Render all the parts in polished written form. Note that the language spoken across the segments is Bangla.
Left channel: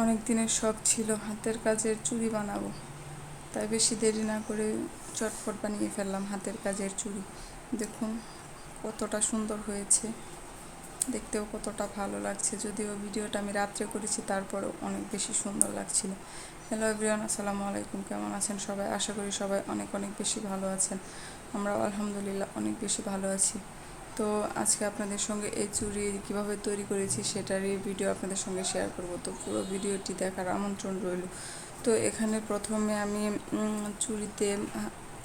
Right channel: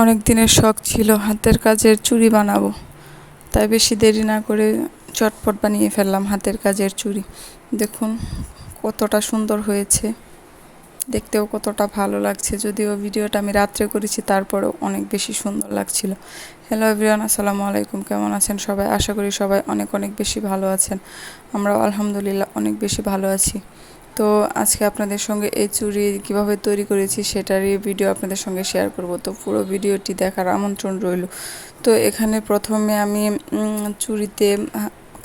অনেক দিনের শখ ছিল হাতের কাজের চুড়ি বানাবো, তাই বেশি দেরি না করে চটপট বানিয়ে ফেললাম হাতের কাজের চুড়ি। দেখুন কতটা সুন্দর হয়েছে, দেখতেও কতটা ভালো লাগছে। যদিও ভিডিওটা আমি রাত্রে করেছি, তারপরেও অনেক বেশি সুন্দর লাগছিল। হ্যালো এভরিওয়ান, আসসালামু আলাইকুম। কেমন আছেন সবাই? আশা করি সবাই অনেক অনেক বেশি ভালো আছেন। আমরাও আলহামদুলিল্লাহ অনেক বেশি ভালো আছি। তো আজকে আপনাদের সঙ্গে এই চুড়ি কীভাবে তৈরি করেছি সেটারই ভিডিও আপনাদের সঙ্গে শেয়ার করব। তো পুরো ভিডিওটি দেখার আমন্ত্রণ রইল। তো এখানে প্রথমে আমি চুড়িতে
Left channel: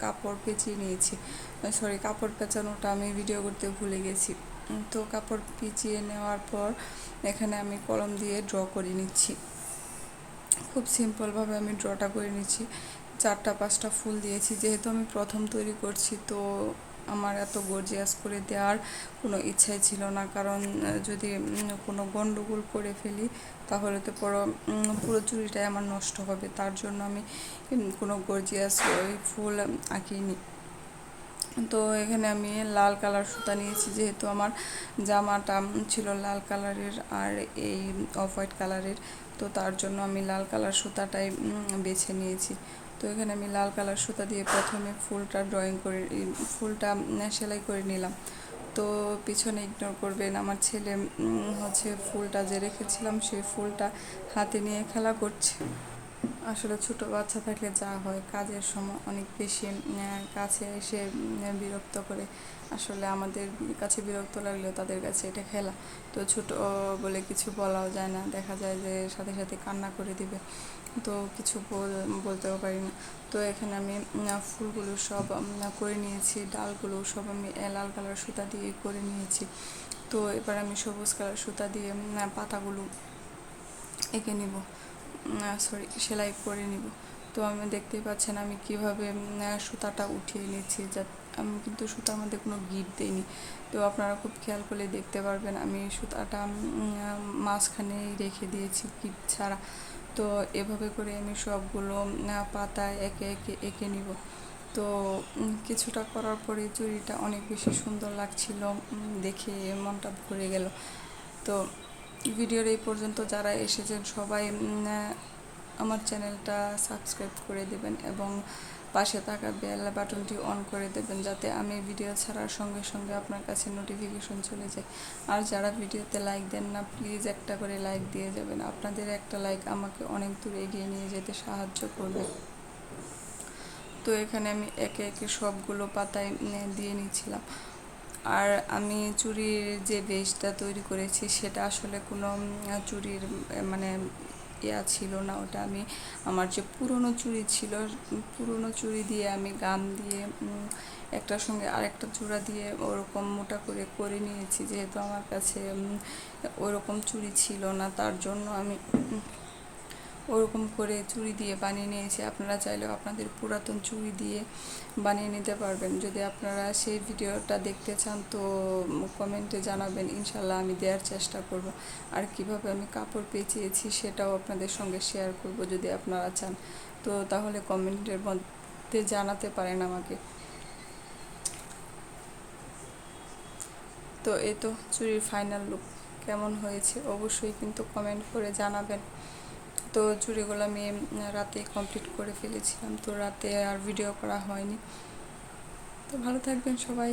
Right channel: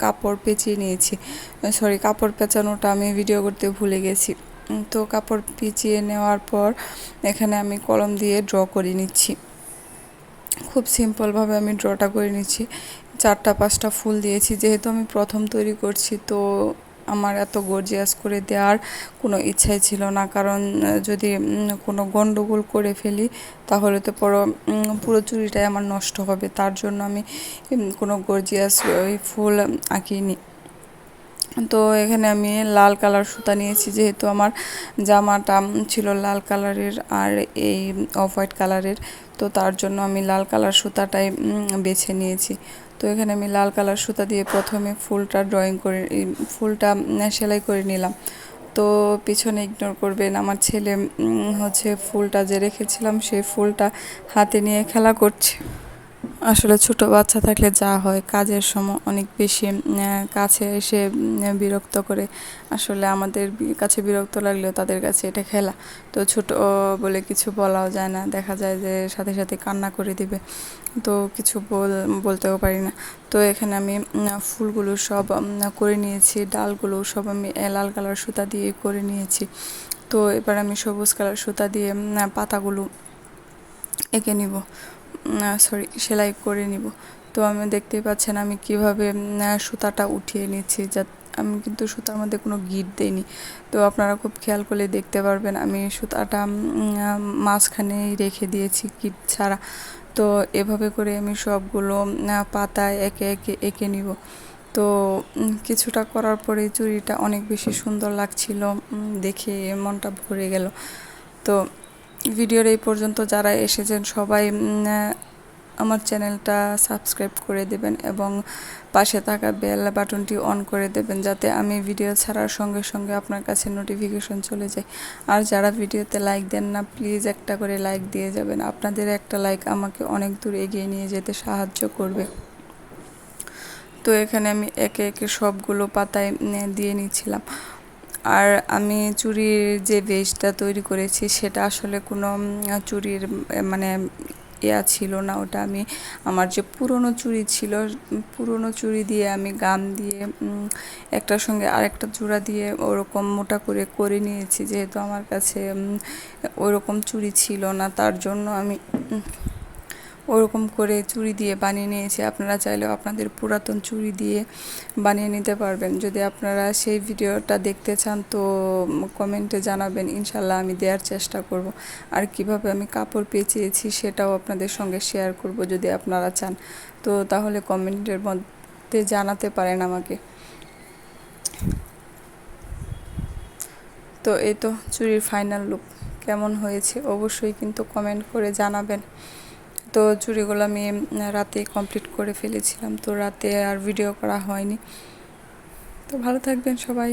কাপড় পেঁচিয়ে নিয়েছি। কাপড় পেঁচানোটা আমি ভিডিও করতে ভুলে গেছি। তো কাপড় পেঁচিয়ে নেওয়ার পর এখানে আমি কলম দিয়ে ড্র করে নিচ্ছি। খুব সিম্পলভাবে আমি ড্রটা করে নিচ্ছি। 4-5টা ফুল দিয়েছি, যেহেতু আমি প্রথম তৈরি করছি, তো আমার এত গর্জিয়াস করে দেওয়ার কোনো ইচ্ছাই ছিল না। কারণ যদি কোনো গন্ডগোল করে ফেলি তাহলে তো পুরো চুড়িটাই আমার নষ্ট হবে। তার জন্য আমি কোনো গর্জিয়াস ওই ফুল আঁকিনি। তো এখানে আমি লাল কালার সুতা নিয়েছি, যেহেতু আমার জামাটা ছিল লাল কালারের আর এই অফ হোয়াইট কালারের, তো তার জন্য আমি লাল কালার সুতাটাই বেছে নিয়েছি। তো এখানে আমি লাল কালার সুতা দিয়ে প্রথমে ফুলটা সেলাই করে নিলাম। তো পিছনে ইগনোর করবেন, আমার ছেলে হচ্ছে ফুলটা যে রেখেছিলাম সেই ফুলটা হাতে নিয়ে খেলা করছে। আসলে ছোট বাচ্চা থাকলে যা হয়, কাজের সময় অনেক বেশি কাছে এসে বিরক্ত করে। আসলে আমাদের কাছে বিরক্ত লাগলেও তাদের কাছে এটা খেলা। তো ছোট বলে কিছু বলাও যায় না, দেখা যায় যে সাথে সাথে কান্না করে দিবে, তো কিছু বলতেও পারি না। তো এখানে আমি ফুলগুলো সব করে নিয়েছি, ডালগুলো সব আমি লাল কালার সুতা দিয়ে করে নিয়েছি। তো এবার আমি সবুজ কালার সুতা দিয়ে পাতাগুলো এঁকে নিব, সেলাই করে নিব। তো আমি দেখতেই পাচ্ছেন আমি কিভাবে সুতাটা উঠিয়ে নিচ্ছি। আমি কিন্তু সুতার মধ্যে কোনো গিট দেইনি। তো আপনারা খুব খেয়াল করলে দেখতে পারবেন আমি সুতাটা মাঝখানেই রেখে দিয়েছি গিট ছাড়া। তো এভাবে করে আমি সবগুলো পাতায় একে একে এঁকে নিব। তো কিছুটা করার পরে চুড়িটা অনেক বেশি সুন্দর লাগছিল, দেখে মনটা ভরে গেল। তো ভিডিওর এই পর্যন্ত যারা এসেছেন সবাই আমার চ্যানেলটা সাবস্ক্রাইব করে দেবেন এবং পাশে থাকা বেল বাটনটি অন করে দেবেন, যাতে আমি ভিডিও ছাড়ার সঙ্গে সঙ্গে আপনার কাছে নোটিফিকেশন চলে যায়। আর যারা ভিডিওতে লাইক দেন না, প্লিজ একটা করে লাইক দিয়ে যাবেন। আপনাদের একটা লাইক আমাকে অনেক দূর এগিয়ে নিয়ে যেতে সাহায্য করবে। তো এখানে আমি একে একে সবগুলো পাতায় দিয়ে নিচ্ছিলাম। আর আমি চুড়ির যে বেসটা তৈরি করেছি সেটা আসলে কোনো চুড়ির মানে ছিল না। ওটা আমি আমার যে পুরনো চুড়ি ছিল, পুরনো চুড়ি দিয়ে আমি গাম দিয়ে একটার সঙ্গে আরেকটা জোড়া দিয়ে ওরকম মোটা করে করে নিয়েছি। যেহেতু আমার কাছে ওরকম চুড়ি ছিল না, তার জন্য আমি ওরকম করে চুড়ি দিয়ে বানিয়ে নিয়েছি। আপনারা চাইলেও আপনাদের পুরাতন চুড়ি দিয়ে বানিয়ে নিতে পারবেন। যদি আপনারা সেই ভিডিওটা দেখতে চান তো কমেন্টে জানাবেন, ইনশাল্লাহ আমি দেওয়ার চেষ্টা করব। আর কিভাবে আমি কাপড় পেঁচিয়েছি সেটাও আপনাদের সঙ্গে শেয়ার করব যদি আপনারা চান। তো তাহলে কমেন্টের মধ্যে জানাতে পারেন আমাকে। তো এই তো চুড়ির ফাইনাল লুক কেমন হয়েছে অবশ্যই কিন্তু কমেন্ট করে জানাবেন। তো চুড়িগুলো আমি রাতে কমপ্লিট করে ফেলেছিলাম, তো রাতে আর ভিডিও করা হয়নি। তো ভালো থাকবেন সবাই।